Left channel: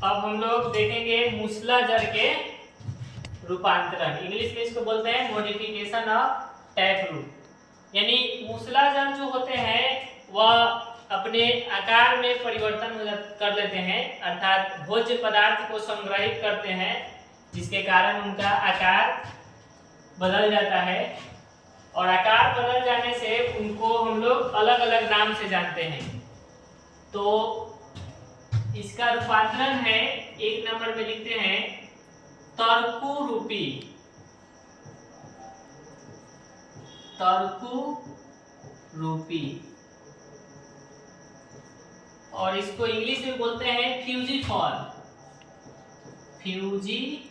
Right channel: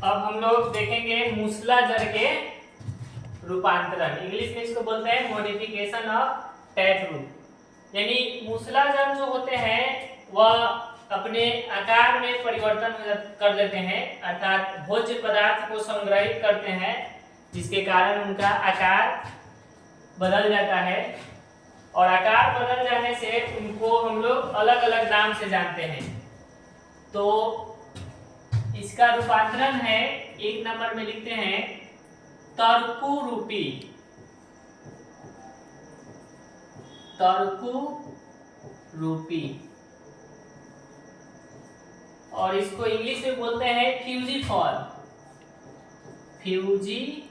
अब हम लोग देखेंगे मूसला जर के रूपांतरण। इंग्लिश में इसको बोलते हैं मॉडिफिकेशन ऑफ टैप रूट। यानी मूसलाधार जो होते हैं वह अपने आकार में परिवर्तन कर लेते हैं, अर्थात भोज्य पदार्थ को संग्रहित करते हैं, जिसके कारण उनका आकार बदल जाता है। और आकार बदल जाने से उनको हम लोग अलग अलग नाम से जानते हैं। तो इसका रूपांतरण है, एक नंबर में लिखते हैं तर्कुरूपी। तर्कुरूपी, और इसको इंग्लिश में बोलते हैं फ्यूजीफॉर्म। फ्यूजीफॉर्म।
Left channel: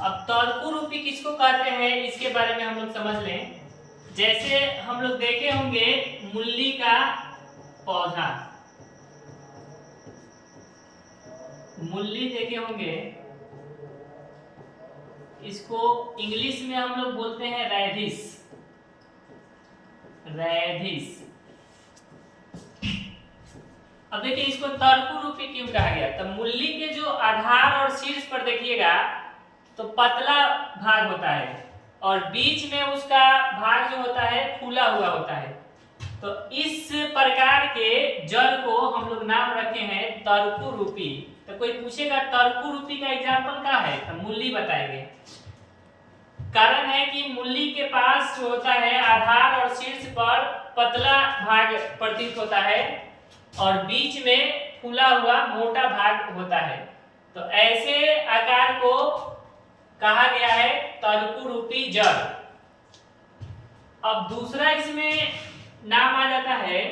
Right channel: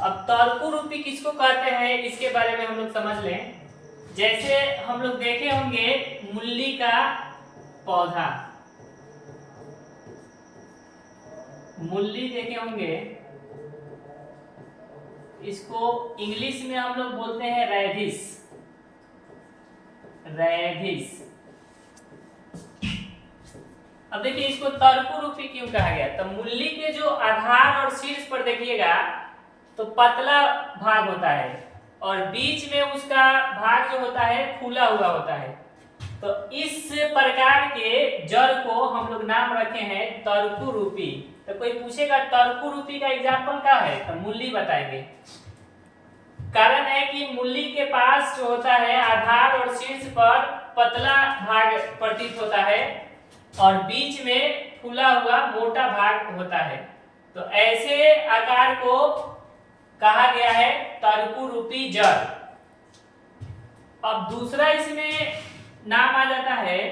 अब तर्कुरूपी किसको कहते हैं इसके बारे में हम लोग समझ लें। जैसे हम लोग देखे होंगे मूली का पौधा, मूली देखे होंगे, इसको इंग्लिश में हम लोग बोलते हैं रेडिश। रेडिश। अब देखिए इसको तर्कुरूपी क्यों कहा गया। तब मूली के जो आधार और शीर्ष पर देखिएगा तो पतला भाग होता है और बीच में उसका भाग जो होता है फूला हुआ होता है। तो इस प्रकार के जड़ को हम लोग नाम रखे हैं तर्कुरूपी। तो कोई पूछेगा तर्कुरूपी का एग्जाम्पल क्या है, तो मूली बताएंगे। कारण है कि मूली के पास जो होता है आधार और शीर्ष पर पतला भाग प्रतीत होता है और बीच में फूला हुआ मोटा भाग होता है। तो ऐसे आकार को कहा गया है तर्कुरूपी जड़। अब दूसरा इसमें नाम आ जाता है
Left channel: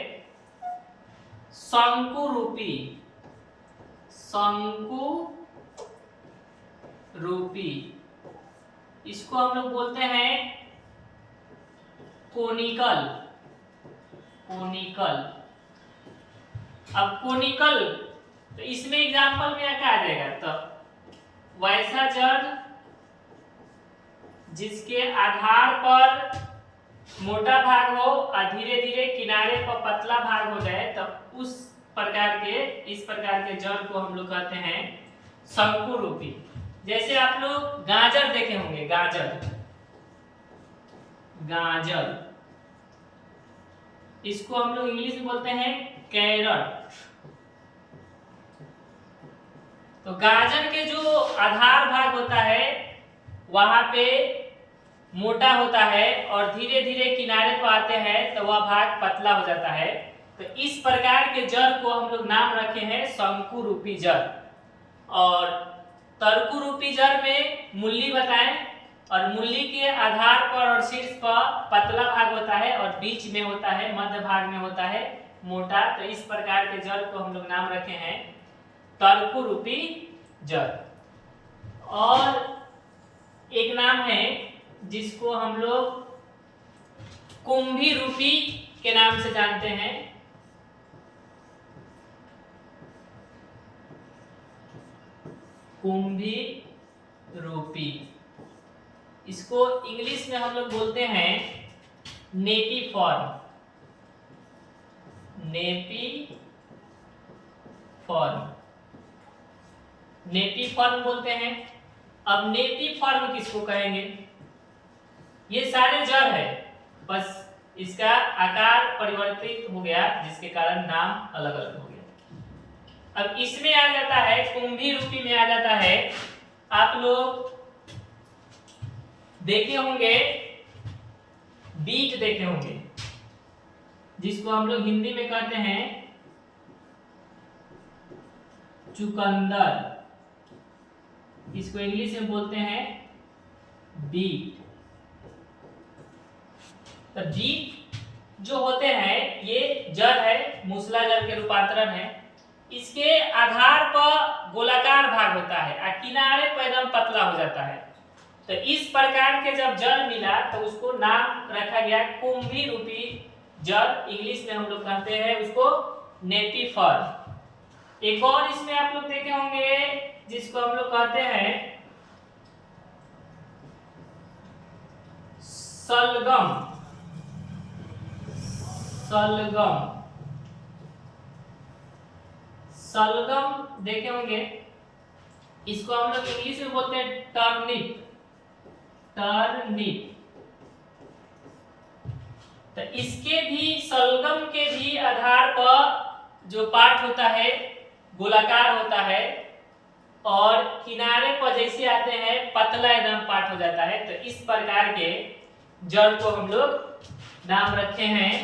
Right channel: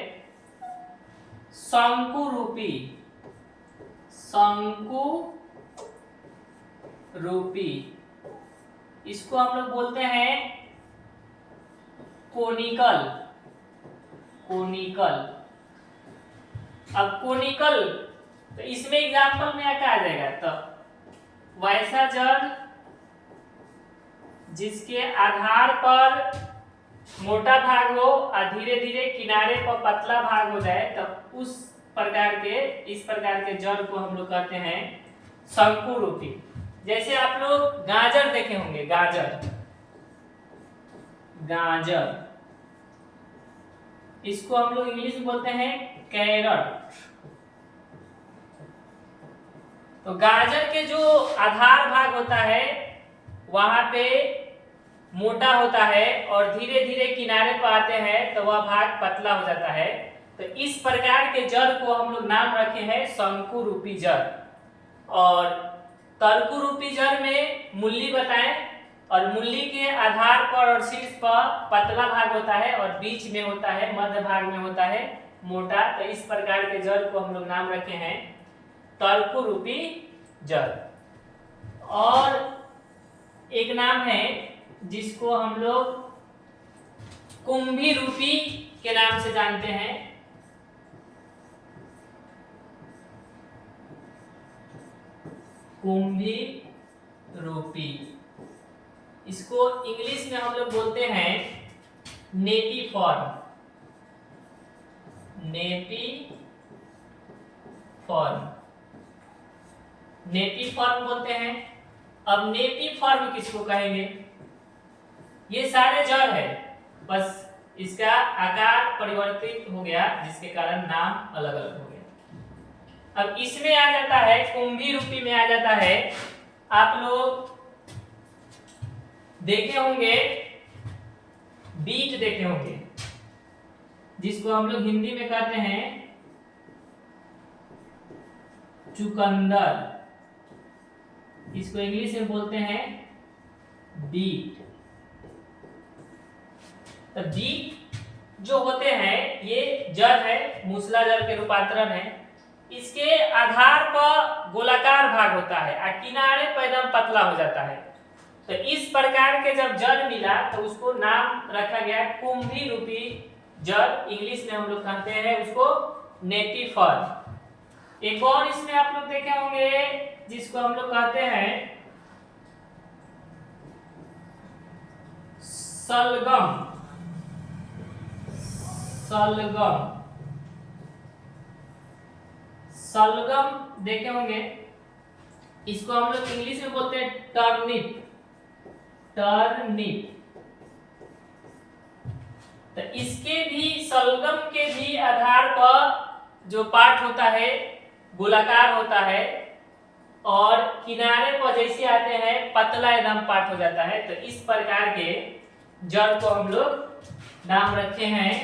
शंकुरूपी। शंकुरूपी, इसको हम लोग बोलते हैं कोनिकल। कोनिकल। अब कोनिकल, तो इसमें एग्जाम्पल में क्या आ जाएगा, तो वैसा जड़ जिसके आधार पर मोटा भाग हो और धीरे धीरे किनारे पर पतला भाग हो जाए, तब उस प्रकार के, इस प्रकार के जड़ को हम लोग कहते हैं शंकुरूपी। जैसे आप लोग गाजर देखे होंगे, गाजर, गाजर, इसको हम लोग इंग्लिश में बोलते हैं कैरट। तो गाजर के जो आधार भाग होता है वहां पे मोटा होता है और धीरे धीरे किनारे पर आते हैं तो वह भाग पतला हो जाता है। तो इस प्रकार के जड़ को हम लोग नाम रखे हैं शंकुरूपी जड़। और तर्कुरूपी जड़ में मूली बताएं, और मूली के आधार पर और शीर्ष पर पतला भाग होता है और बीच में होता है, मध्य भाग में होता है मोटा। तो इस प्रकार के जड़ को हम लोग नाम रखे हैं तर्कुरूपी जड़। और एक नाम है जिसको हम लोग कुंभीरूपी के नाम से जानते हैं। कुंभीरूपी, इसको इंग्लिश में हम लोग बोलते हैं नेपीफॉर्म। नेपीफॉर्म, नेपीफॉर्म बोलते हैं। अब नेपीफॉर्म किसको कहेंगे, ये सारे जड़ है, बस इसका आकार परिवर्तित हो गया जिसके कारण नाम अलग अलग हो गया। अब इसमें आ जाता है कुंभीरूपी में आ जाता है, आप लोग देखे होंगे बीज देखे होंगे, जिसको हम लोग हिंदी में कहते हैं चुकंदर, इसको इंग्लिश में बोलते हैं बीट। तो बीट जो होते हैं ये जड़ है, मूसलाधार के रूपांतरण है। इसके आधार पर गोलाकार भाग होता है और किनारे पर एकदम पतला हो जाता है। तो इस प्रकार के जब जड़ मिला तो उसको नाम रखा गया कुंभीरूपी जड़। इंग्लिश में हम लोग कहते हैं उसको नेपीफॉर्म। एक और इसमें आप लोग देखे होंगे जिसको हम लोग कहते हैं सलगम। सलगम, सलगम देखे होंगे, इसको हम लोग इंग्लिश में बोलते हैं टर्निप। टर्निप। तो इसके भी, सलगम के भी आधार पर जो पार्ट होता है गोलाकार होता है और किनारे पर जैसे आते हैं पतला एकदम पार्ट हो जाता है। तो इस प्रकार के जड़ को हम लोग नाम रखे हैं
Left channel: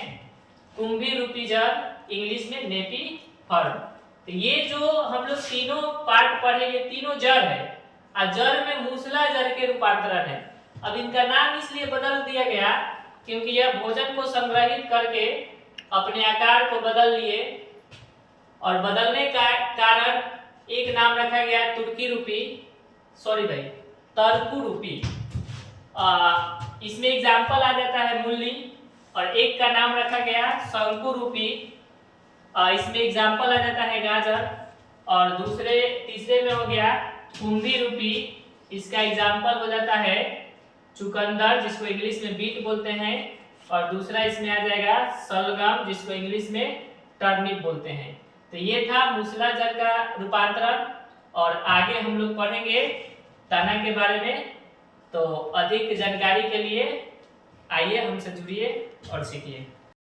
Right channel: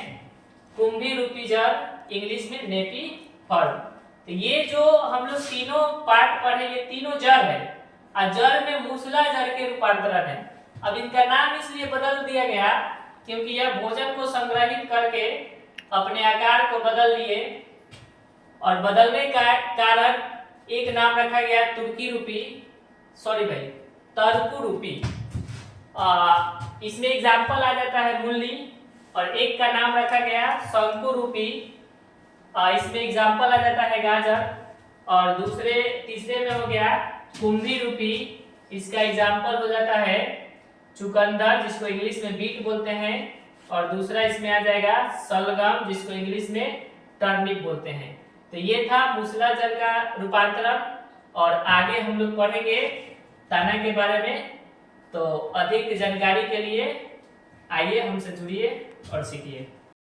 कुंभी रूपी जड़, इंग्लिश में नेपी फर्म। तो ये जो हम लोग तीनों पार्ट पढ़े, ये तीनों जड़ है और जड़ में मूसला जड़ के रूपांतरण है। अब इनका नाम इसलिए बदल दिया गया क्योंकि यह भोजन को संग्रहित करके अपने आकार को बदल लिए और बदलने का कारण एक नाम रखा गया तुर्की रूपी, सॉरी भाई तर्कु रूपी। इसमें एग्जाम्पल आ जाता है मूली, और एक का नाम रखा गया शंकु रूपी, इसमें एग्जाम्पल आ जाता है गाजर, और तीसरे में हो गया कुंभी रूपी, इसका एग्जाम्पल हो जाता है चुकंदर जिसको इंग्लिश में बीट बोलते हैं, और दूसरा इसमें आ जाएगा सलगम जिसको इंग्लिश में टर्निप बोलते हैं। तो ये था मूसला जड़ का रूपांतरण, और आगे हम लोग पढ़ेंगे तना के बारे में। तो अधिक जानकारी के लिए आइए हमसे जुड़िए और सीखिए।